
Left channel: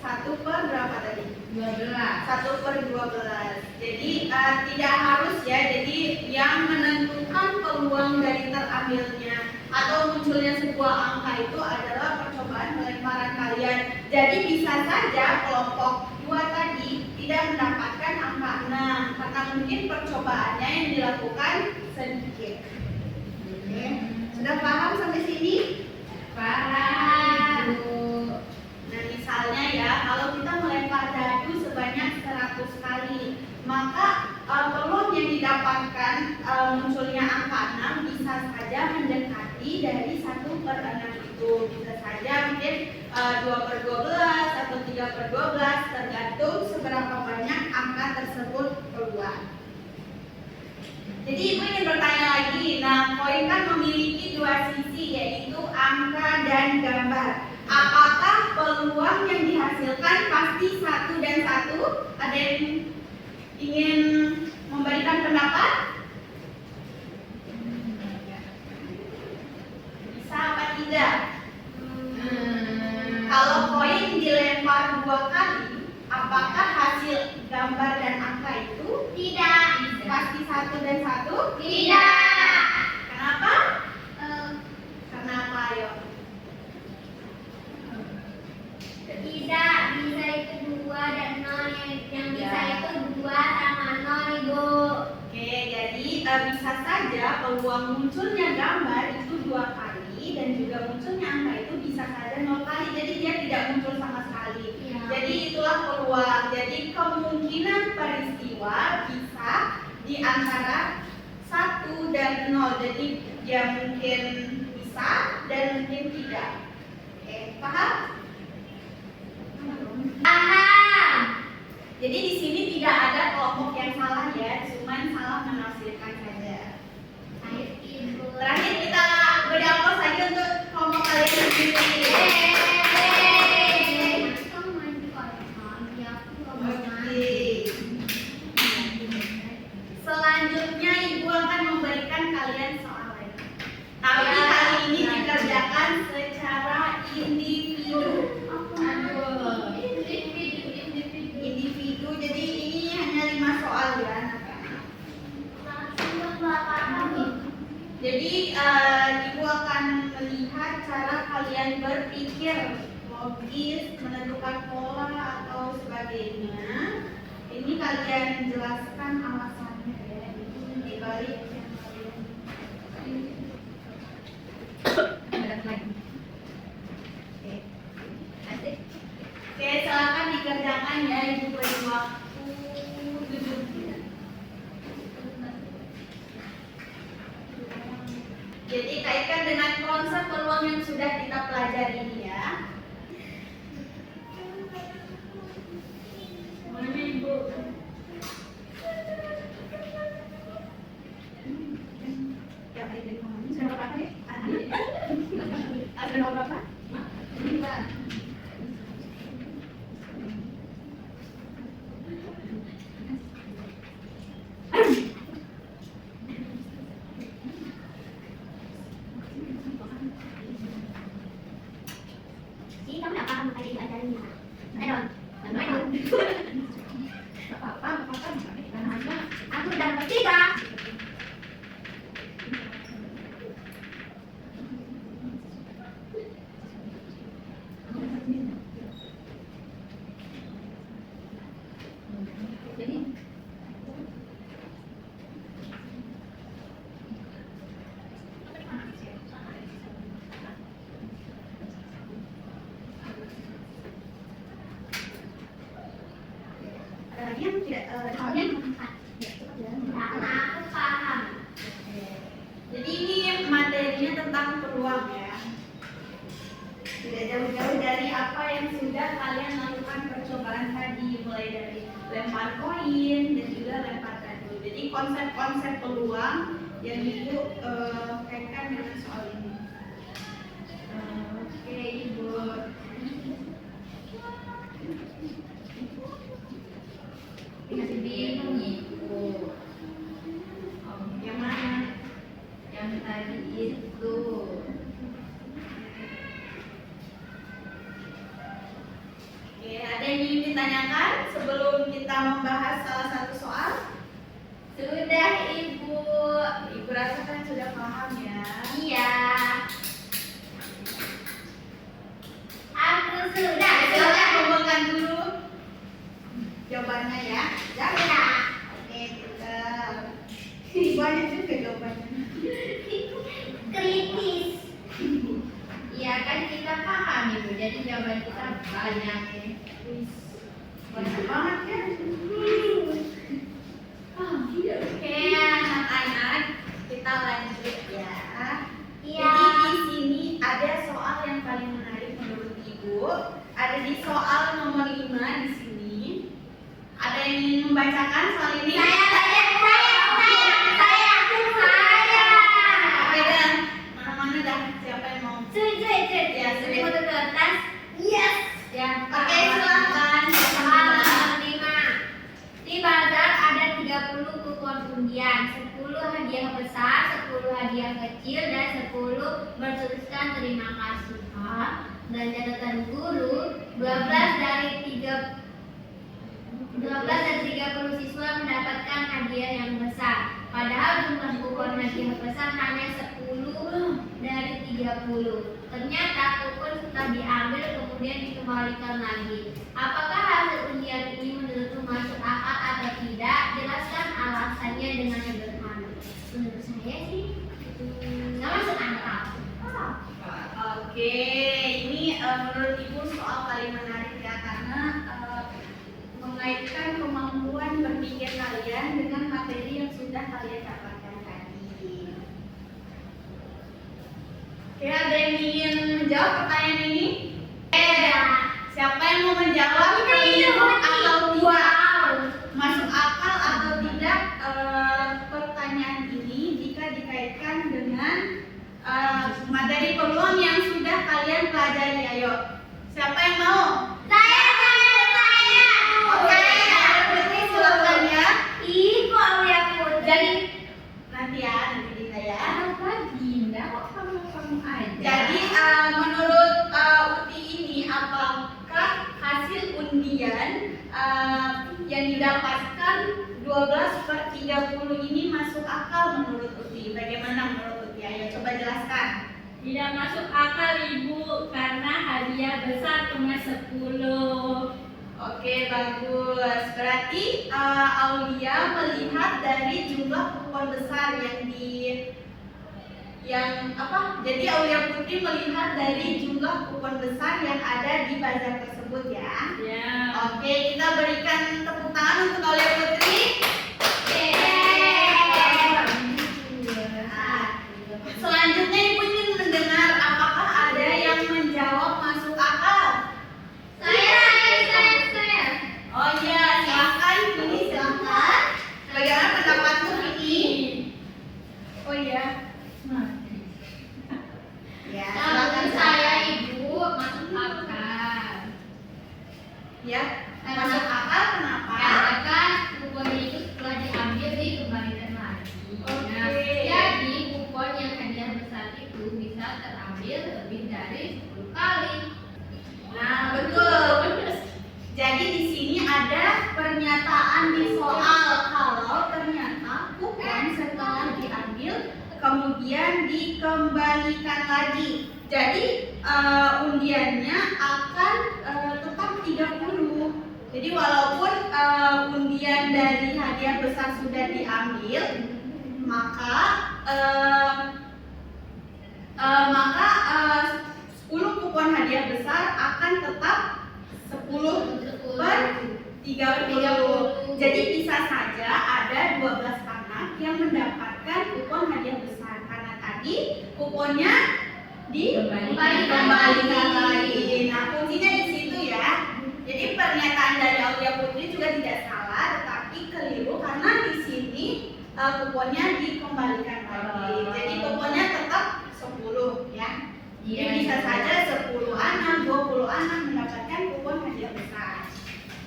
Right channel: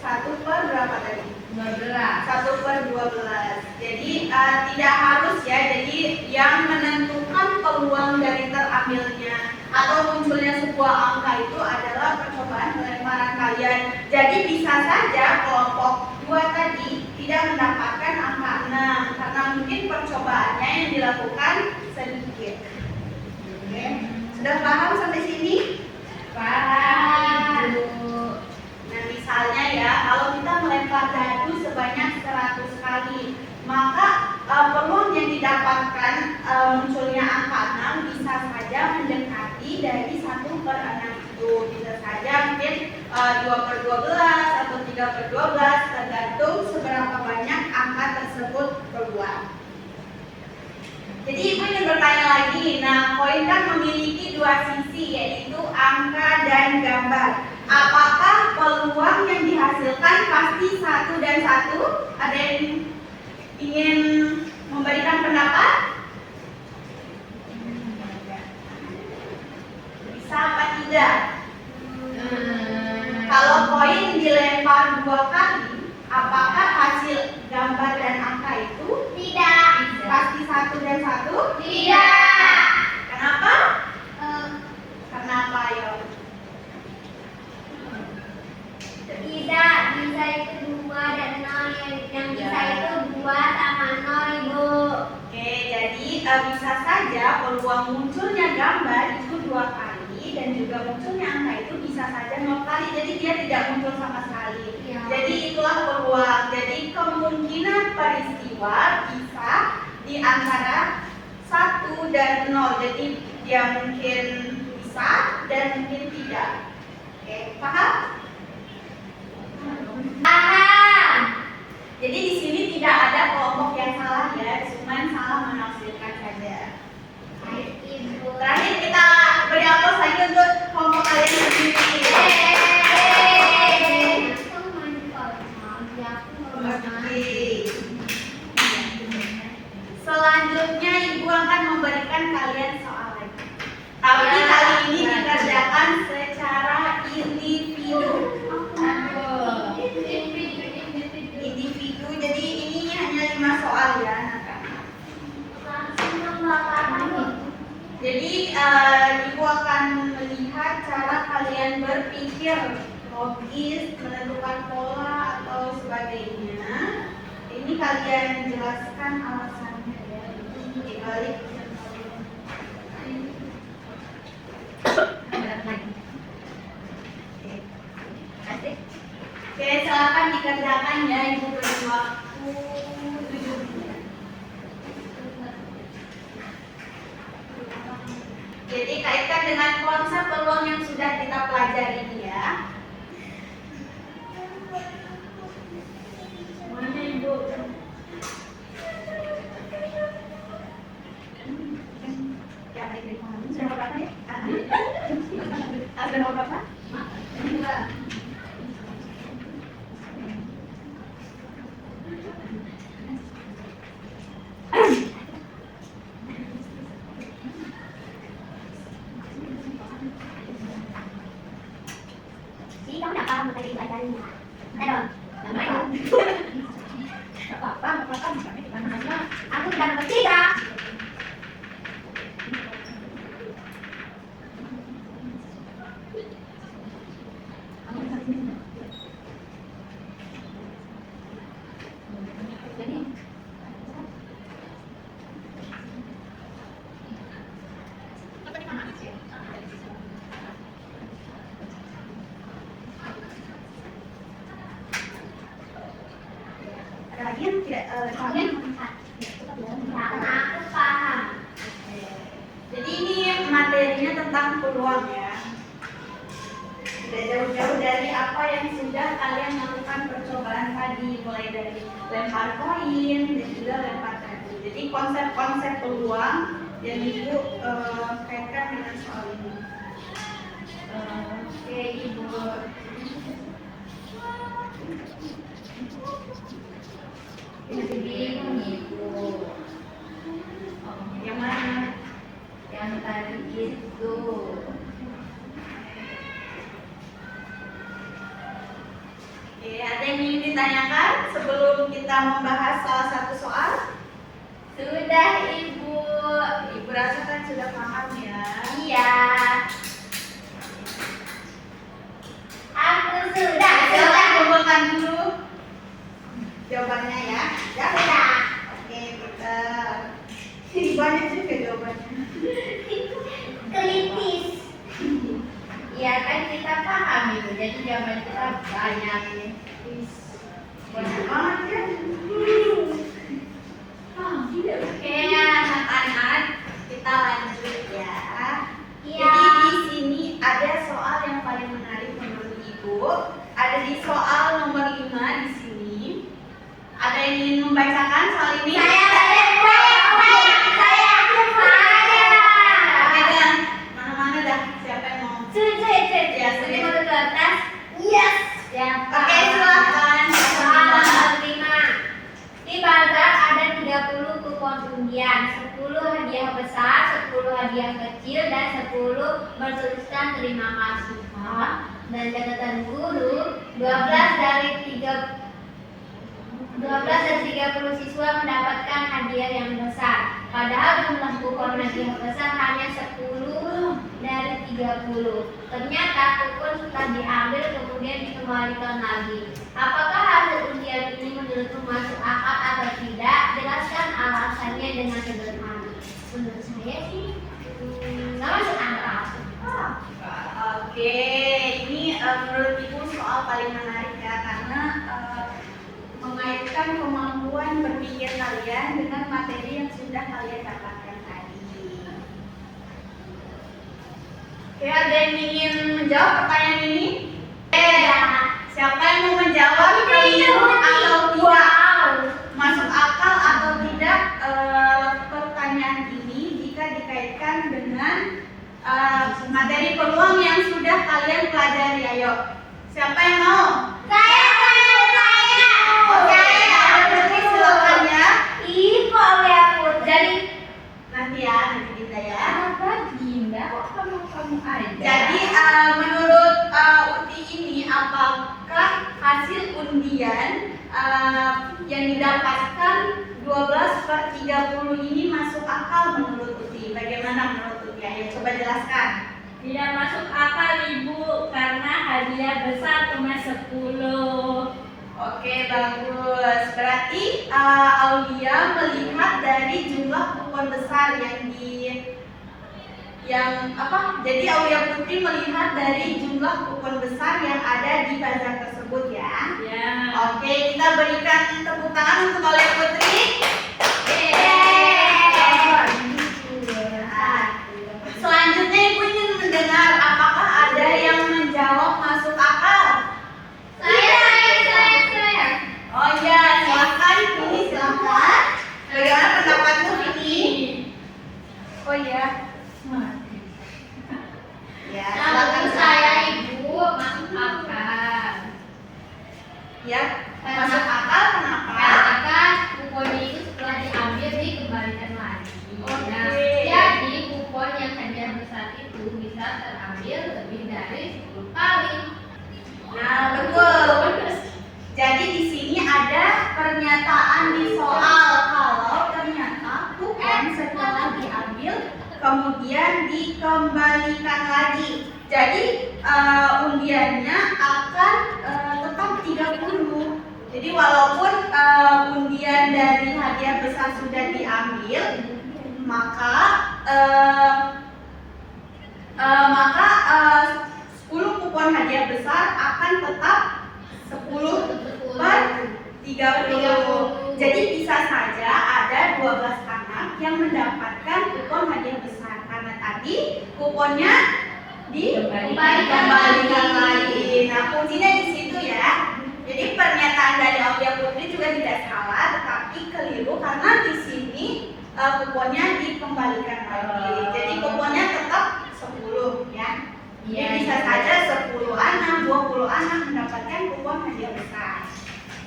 1 per berapa tadi? 1 per 12. Jadi tidak harus ya. Jadi yang menentukan peluang dari terambilnya atau munculnya sebuah angka itu adalah percobaan pelemparan kalian. Jadi bisa saja kelompok 2 tadi mungkin percobaannya yang dilakukan sedikit. Oke, sudah paham sampai sini? Paham, Ibu. Nah, misalnya ya, kalau kita melempar dadu sebanyak 100 kali, maka peluang yang didapatkan munculnya angka 6 bisa saja mendekati dari 1/6 itu. Bisa saja mungkin 2/12 atau 3/12, tergantung seberapa banyak angka tersebut keluar. Jadi Ibu ingin bertanya lagi, nah koin kan memiliki dua sisi, yaitu angka dan gambar. Apakah peluang yang dihasilkan pasti 1 dan 1? Ada yang ingin memberikan pendapat? Bisa apa tidak? Kalau koin dilempar 2 kali, apakah hasil gambar dan angka itu Tidak. pasti 1 dan 1? Tidak. Kenapa? Karena apa, ayo? Tidak, bisa itu 2 dan 0, yang bisa itu 2 sama 0, Ibu. Oke, jadi bisa saja peluang munculnya gambar itu 2 kali dan juga munculnya angka itu bisa saja 0 kali. Jadi dia tidak muncul sama sekali. Iya. Jadi itulah peluang. Jadi kemungkinan peristiwa bisa di antara 1 dan 0. Jadi dia mungkin bisa dan mungkin tidak. Oke, paham? Paham. Jadi di sini tidak ada kelompok yang salah ya, cuman salah menafsirkan saja. Baik, Ibu. Terakhir kita beri aplaus lagi untuk kelompok kalian sendiri. Kamu mandi kalau mau, ya aku mau Oke. mandi. Selanjutnya Ibu akan memberikan kalian soal lagi. Tapi Ya, kali ini ya. dikerjakan secara individu. Aduh. Individu. Jadi ini hanya 5 soal ya, anak-anak. Langsung dong, apa-apa nih. Jadi Ibu akan melihat cara kalian berpikir logis, menentukan pola atau sebagainya. Ini kalian jelaskan alasannya ya. Ini dibalik yang kalian. Oke, silakan dikerjakan ya, Ibu beri waktu 7 menit. Jadi kaitkan dengan konsep peluang yang sudah kita pelajari ini ya. Mana Ibu? Ya, ini sudah berapa nih? Ada nomor berapa? Dua. Jadi kamu nggak paham tadi pelajarannya? Ayo, yang mana? Gak apa-apa, gak apa-apa, bukannya di mana-mana. Aku udah nomor 3. Ada lagi yang tidak pahamnya? Karena aku paham. Jadi ini materinya tentang peluang ya. Tidak jauh-jauh dari apa yang sudah kalian lakukan percobaan tadi, mulai dari lempar koin dan juga lempar dadu. Jadi konsep-konsep peluang yang Ibu kaitkan dengan soal ini. Oke, Ibu. Bingung Ibu. Yang mana? Yang tadi itu. Oke, ada yang ingin ditanyakan sebelum kita membahas salah satu soal? Sudah, Ibu. Ibu rasa kan sudah paham ya. Iya. Aku sudah. Silakan kumpulkan dulu jawabannya ya. Sudah. Oke, kita Banyak juga jawabannya. Kritis. Iya kan kita paham itu, jadi jawaban kita banyak nih. Banyak banget ya. Oke anak-anak, kita lanjut ya. Iya. Jadi di sini ada soal yang paling menarik menurut Ibu. Ada di soal nomor 5 di sini. Ada yang ingin membacakan soal ini? Pegang. Mana-mana dah. Siapa yang mau? Ya, sudah. kertas. Yes. Oke, silakan. Soal 5. Di bazar ada 30 kupon undian, 10 hadiah besar, 10 hadiah kecil, dan 10 bertuliskan terima kasih Pak. Dan catatan guru, 12 dari 30 siswa mendapatkan hadiah yang besar. Padahal jumlah kupon hadiah besar hanya 10 dari 30. Ternyata kupon sudah diambil kemudian dikembalikan lagi. Apakah hasil undian ini menurutmu masuk akal atau tidak? Jelaskan alasannya dengan sederhana. Menurut saya sih nggak masuk akal. Oke, ini menurut Ibu soal paling menarik ya, karena mengaitkan kemampuan berpikir kalian dengan materi yang sudah kalian dapatkan tadi. Oke, ada yang ingin menjawab pertanyaan ini? Siapa yang mau menjawab keliru atau tidak? Masuk akal atau tidak pertanyaan ini jika dikaitkan dengan materi peluang yang sudah kalian pelajari? Ayo, siapa yang mau? Oke, berarti silakan ya. Jadi nanti Dinda ya. Jadi menurut Uti ini, apakah hasil undian yang didapatkan 12/30 ini masuk akal menurut Uti? Bagaimana menurut Uti? Ayo coba jelaskan. Tidak masuk akal Ibu karena hadiah besar cuma 10. Oke, bagus. Berarti Aulia melihat dari jumlah kupon besar Jadi Aulia Putri melihat dari jumlah kupon besar yang ada di bazar tersebut ya. Ya. Oke, kita berikan tepuk tangan untuk Aulia Putri. Selanjutnya Ibu ingin mendengar apakah ada yang menjawab masuk akal? Oh iya, silakan Vini, silakan. Bagaimana pendapatmu Vini? Oh iya. Ya, silakan Saya Ibu masuk akal. Ya, masuk akal kenapa? Karena kan kuponnya itu setelah diambil dikembalikan lagi. Oke. Jadi kupon yang hadiah besar itu bisa terambil lebih dari 10 kali. Nah, betul. Jadi di sini ada pernyataan di soal kalau ternyata kupon setelah diambil kemudian dikembalikan lagi. Jadi undiannya akan tetap 30. Jadi walaupun undian dari hadiah besar sudah diambil, maka 10 kupon hadiah besar akan tetap 10/30. Jadi bisa saja ada 12 anak yang mendapatkan kupon hadiah besar karena tadi kuponnya dikembalikan lagi. Nah, kuncinya di situ ya. Jadi pernyataan dari Aulia Putri juga tidak salah, tetapi keliru karena di sini kuponnya dikembalikan lagi. Jadi kuponnya tetap 10 ya. Jadi bisa saja 10 anak, 20 anak mendapatkan kupon hadiah besar.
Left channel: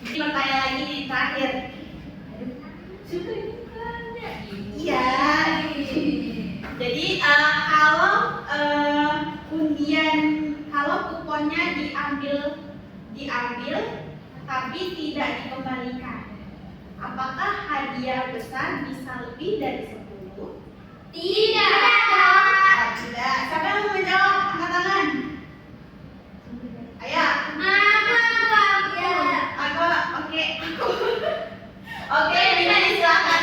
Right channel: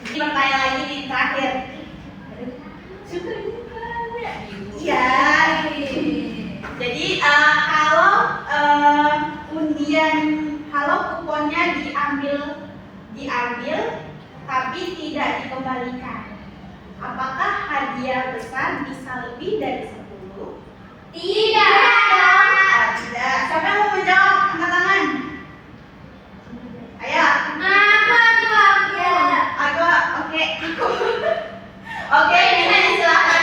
Jadi pertanyaan lagi di terakhir. Iya. Jadi kalau kuponnya diambil tapi tidak dikembalikan, apakah hadiah besar bisa lebih dari 10? Tidak. Tidak. Siapa yang mau menjawab? Angkat tangan. Ayo. Oke. Oke, ini silakan.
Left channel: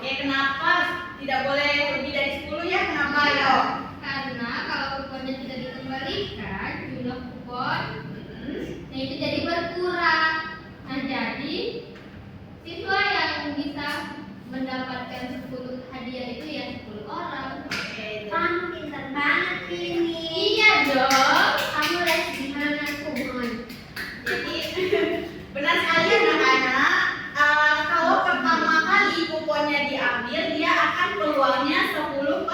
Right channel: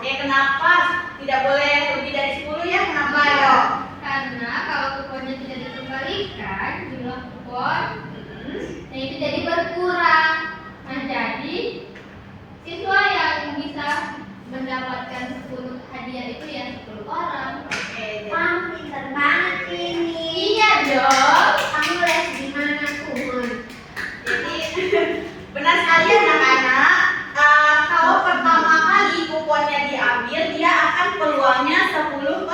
Oke, kenapa tidak boleh lebih dari 10 ya? Kenapa yo? Karena kalau kuponnya tidak dikembalikan, jumlah kupon Hmm. nah itu jadi berkurang. Nah, jadi siswa yang bisa mendapatkan 10 hadiah itu ya 10 orang. Oke, Kamu pintar banget ini. Iya dong. Kamu les di mana, Kumon? jadi benar sekali anak-anak. Kalau pertama kali kuponnya diambil, dia akan peluangnya 10/30.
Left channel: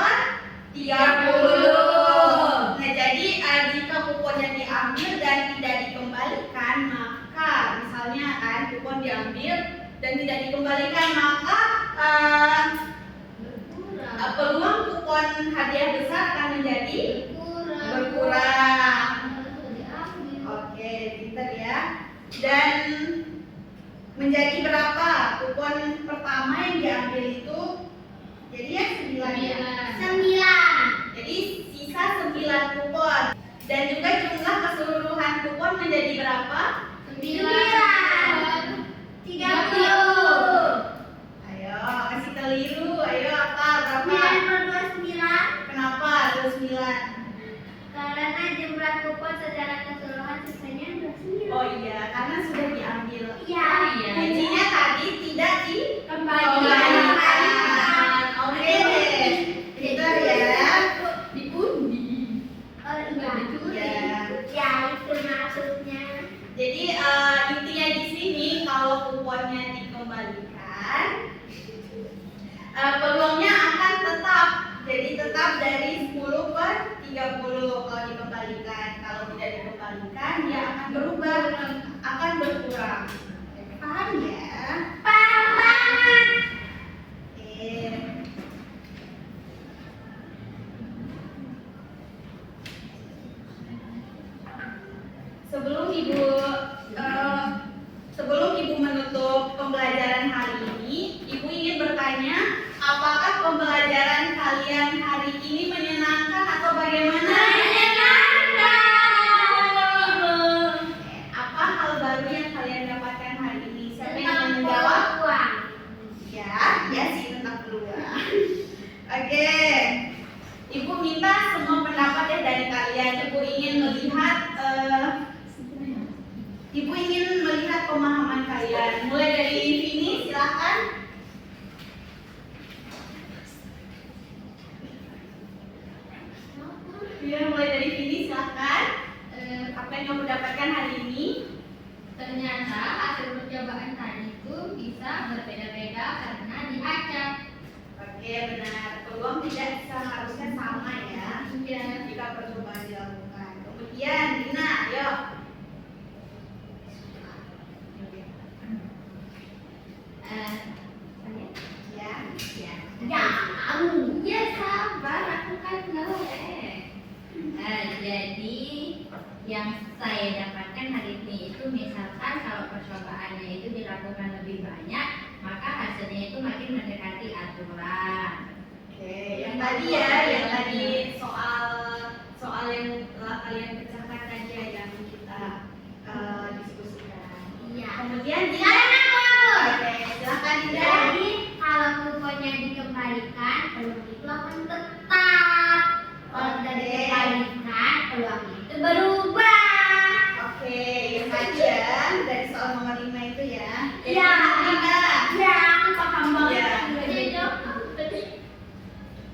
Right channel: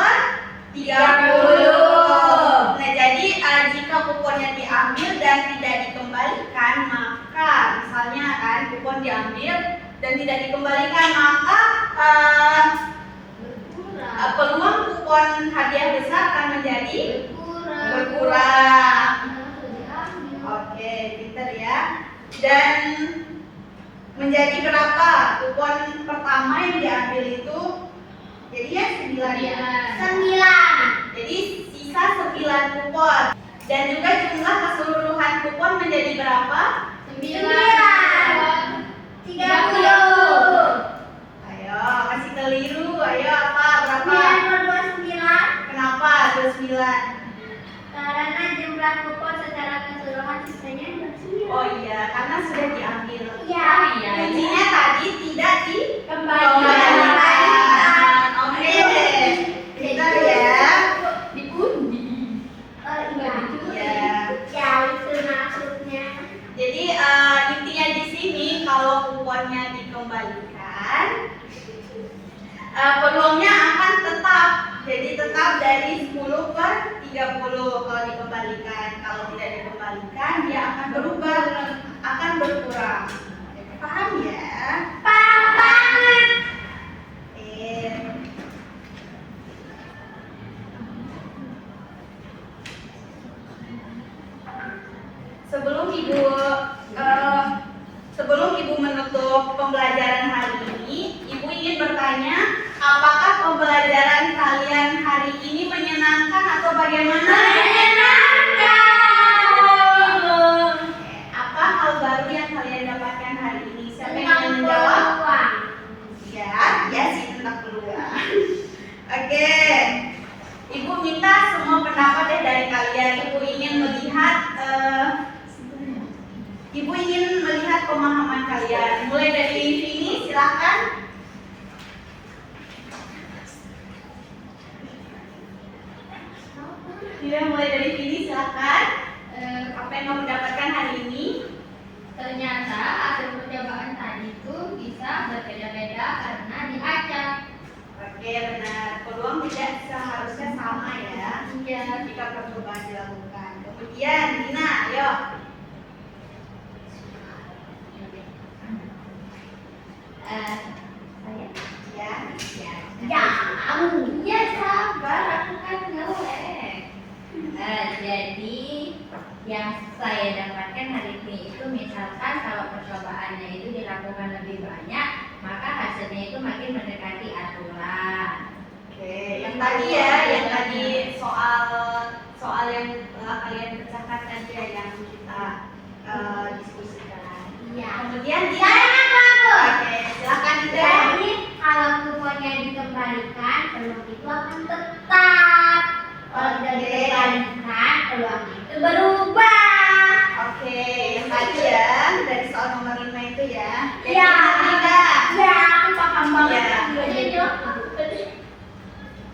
Nah, jadi jika kuponnya diambil dan tidak dikembalikan, maka misalnya kan kupon diambil dan tidak dikembalikan, maka Berkurang. peluang kupon hadiah besar akan menjadi Berkurang. berkurang. Harus diambil. Oke, pinter ya. Dan menjadi berapa kupon pertama yang diambil itu? Jadi ya 9 ya. 9. Jadi sisa 9 kupon. Dan juga jumlah keseluruhan kupon menjadi berapa? 30. Ayo, kasih keliru. Ayo apa? Berapa? 9 Kenapa 29? karena jumlah kupon secara keseluruhan sisanya 29. Oh iya, karena sudah diambil. Iya. Kuncinya tadi tidak Kembalikan. Oke, pintar ya. Diundi. Oh iya. Ya. Ya, itu maksudnya. Jadi intinya di sini kalau kuponnya dikembalikan, peluangnya akan tetap. Jadi tetap dari 10/30 kalau dikembalikan. Kalau tidak dikembalikan, dia akan berubah, akan berkurang. Paham ya? Paham banget. Oke. Sebelum ibu menutup pembelajaran hari ini, ibu ingin bertanya, apakah pembelajaran kalian hari ini menyenangkan atau bagaimana? Apa hal baru yang kalian dapatkan hari ini? Siapa yang ingin menjawab? peluang. Ya sih tentang peluang. Oke, ibu minta semua pendapat ya dari kalian. Ibu ingin melihat pemahaman kalian. Mulai dari Vini, silahkan. Ya, mulai dari Vini, silahkan. Apa yang kamu dapatkan hari ini? Ternyata hasil percobaan tadi itu bisa berbeda-beda karena diacak. Oke, benar. Peluang tidak seharusnya sama ya. Iya. Jika percobaan dilakukan. Kemudian, Dina, ayo. Saya? Ya. Ya, ya sabar, aku kan ngelek. Jadi yang saya dapatkan hari ini itu misalkan kalau percobaannya itu dilakukan lebih banyak, maka hasilnya itu makin mendekati aturan. Oke, yang tadi ya, yang tadi soal yang telah kalian pecahkan tadi ya, yang kita diskusikan. Iya. Kemudian dia, oke, silakan Dinda. Jadi kalau kuponnya dikembalikan, peluang itu akan tetap. Kalau tidak dikembalikan, peluang itu berubah. Oke, yang tadi ya, dari soal nomor 5 itu ya. Iya. Dinda. Ya, aku paham banget. Iya. Jadi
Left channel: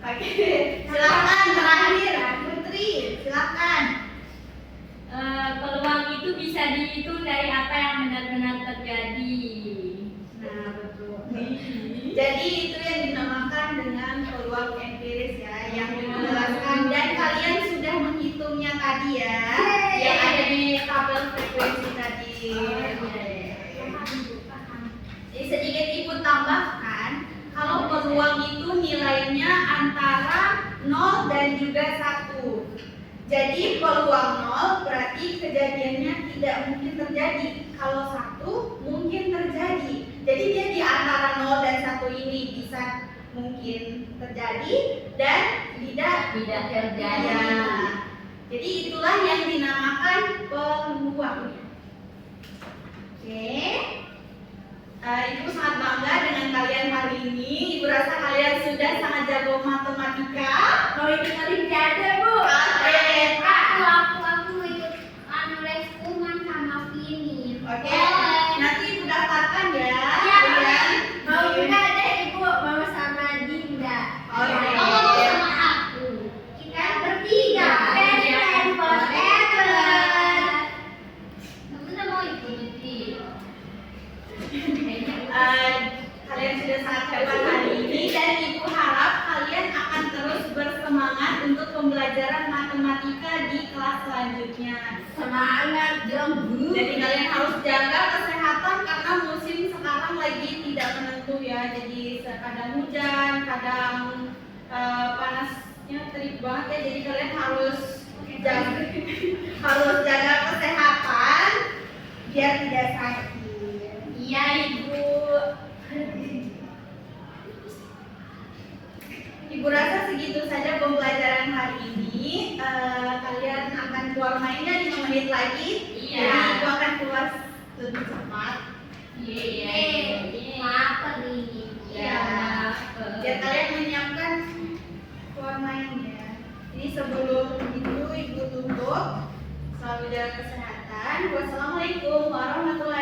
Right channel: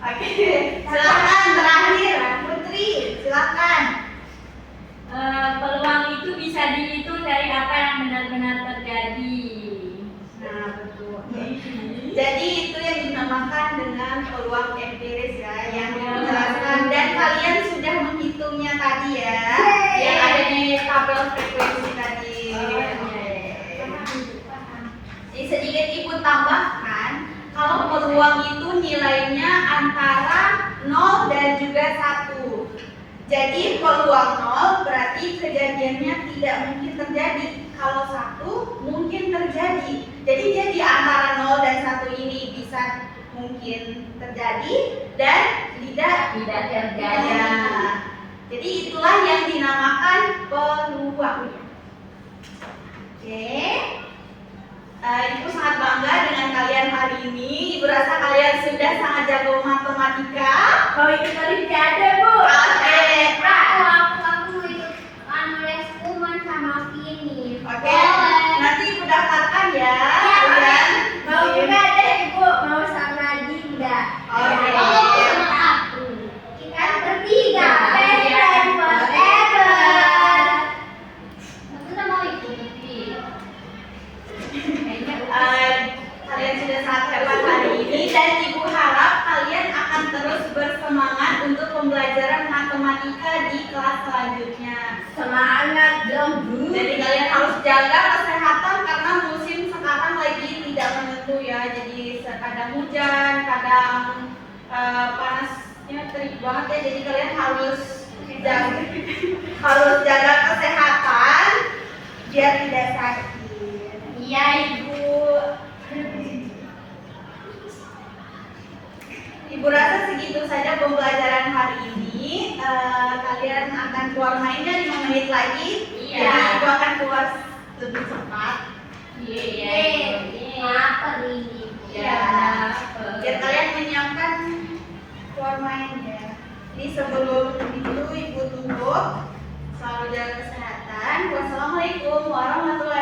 Oke, silakan terakhir Putri, silakan. Peluang itu bisa dihitung dari apa yang benar-benar terjadi. Nah, betul. Jadi itu yang dinamakan dengan peluang empiris ya, yang dijelaskan dan kalian sudah menghitungnya tadi ya, yang ada di tabel frekuensi tadi. Oke. Jadi sedikit ibu tambahkan, kalau peluang itu nilainya antara 0 dan juga 1. Jadi peluang 0 berarti kejadiannya tidak mungkin terjadi. Kalau 1 mungkin terjadi. Jadi dia di antara 0 dan 1 ini bisa mungkin terjadi dan tidak terjadi. Ya. Jadi itulah yang dinamakan peluang. Oke. Ibu sangat bangga dengan kalian hari ini. Ibu rasa kalian sudah sangat jago matematika. Mau ikut olimpiade, Bu? Oke. Aku ikut les kuman sama Vini. Oke. Nanti Ibu daftarkan ya. Iya, Kalian mau juga deh Ibu, mau sama Dinda. Oke. Sama aku. Kita bertiga. Best friend forever. Kita mau ikut. Kalian sudah sangat hebat hari ini dan Ibu harap kalian akan terus bersemangat untuk pembelajaran matematika di kelas selanjutnya. Semangat dong, Bu. Jadi kalian harus jaga kesehatan karena musim sekarang lagi tidak menentu ya. Jadi kadang hujan, kadang panasnya terik banget ya. Jadi kalian harus jaga kesehatan biar tidak sakit. Iya, Ibu. Ibu rasa segitu saja pembelajaran hari ini. Kalian akan keluar mainnya 5 menit lagi. Iya. Jadi Ibu akan keluar lebih cepat. Iya. Lapar ini. Ya. Biar kalian menyiapkan keluar main ya. Jadi sebelum itu Ibu tutup. Selalu jaga kesehatan. Wassalamualaikum warahmatullahi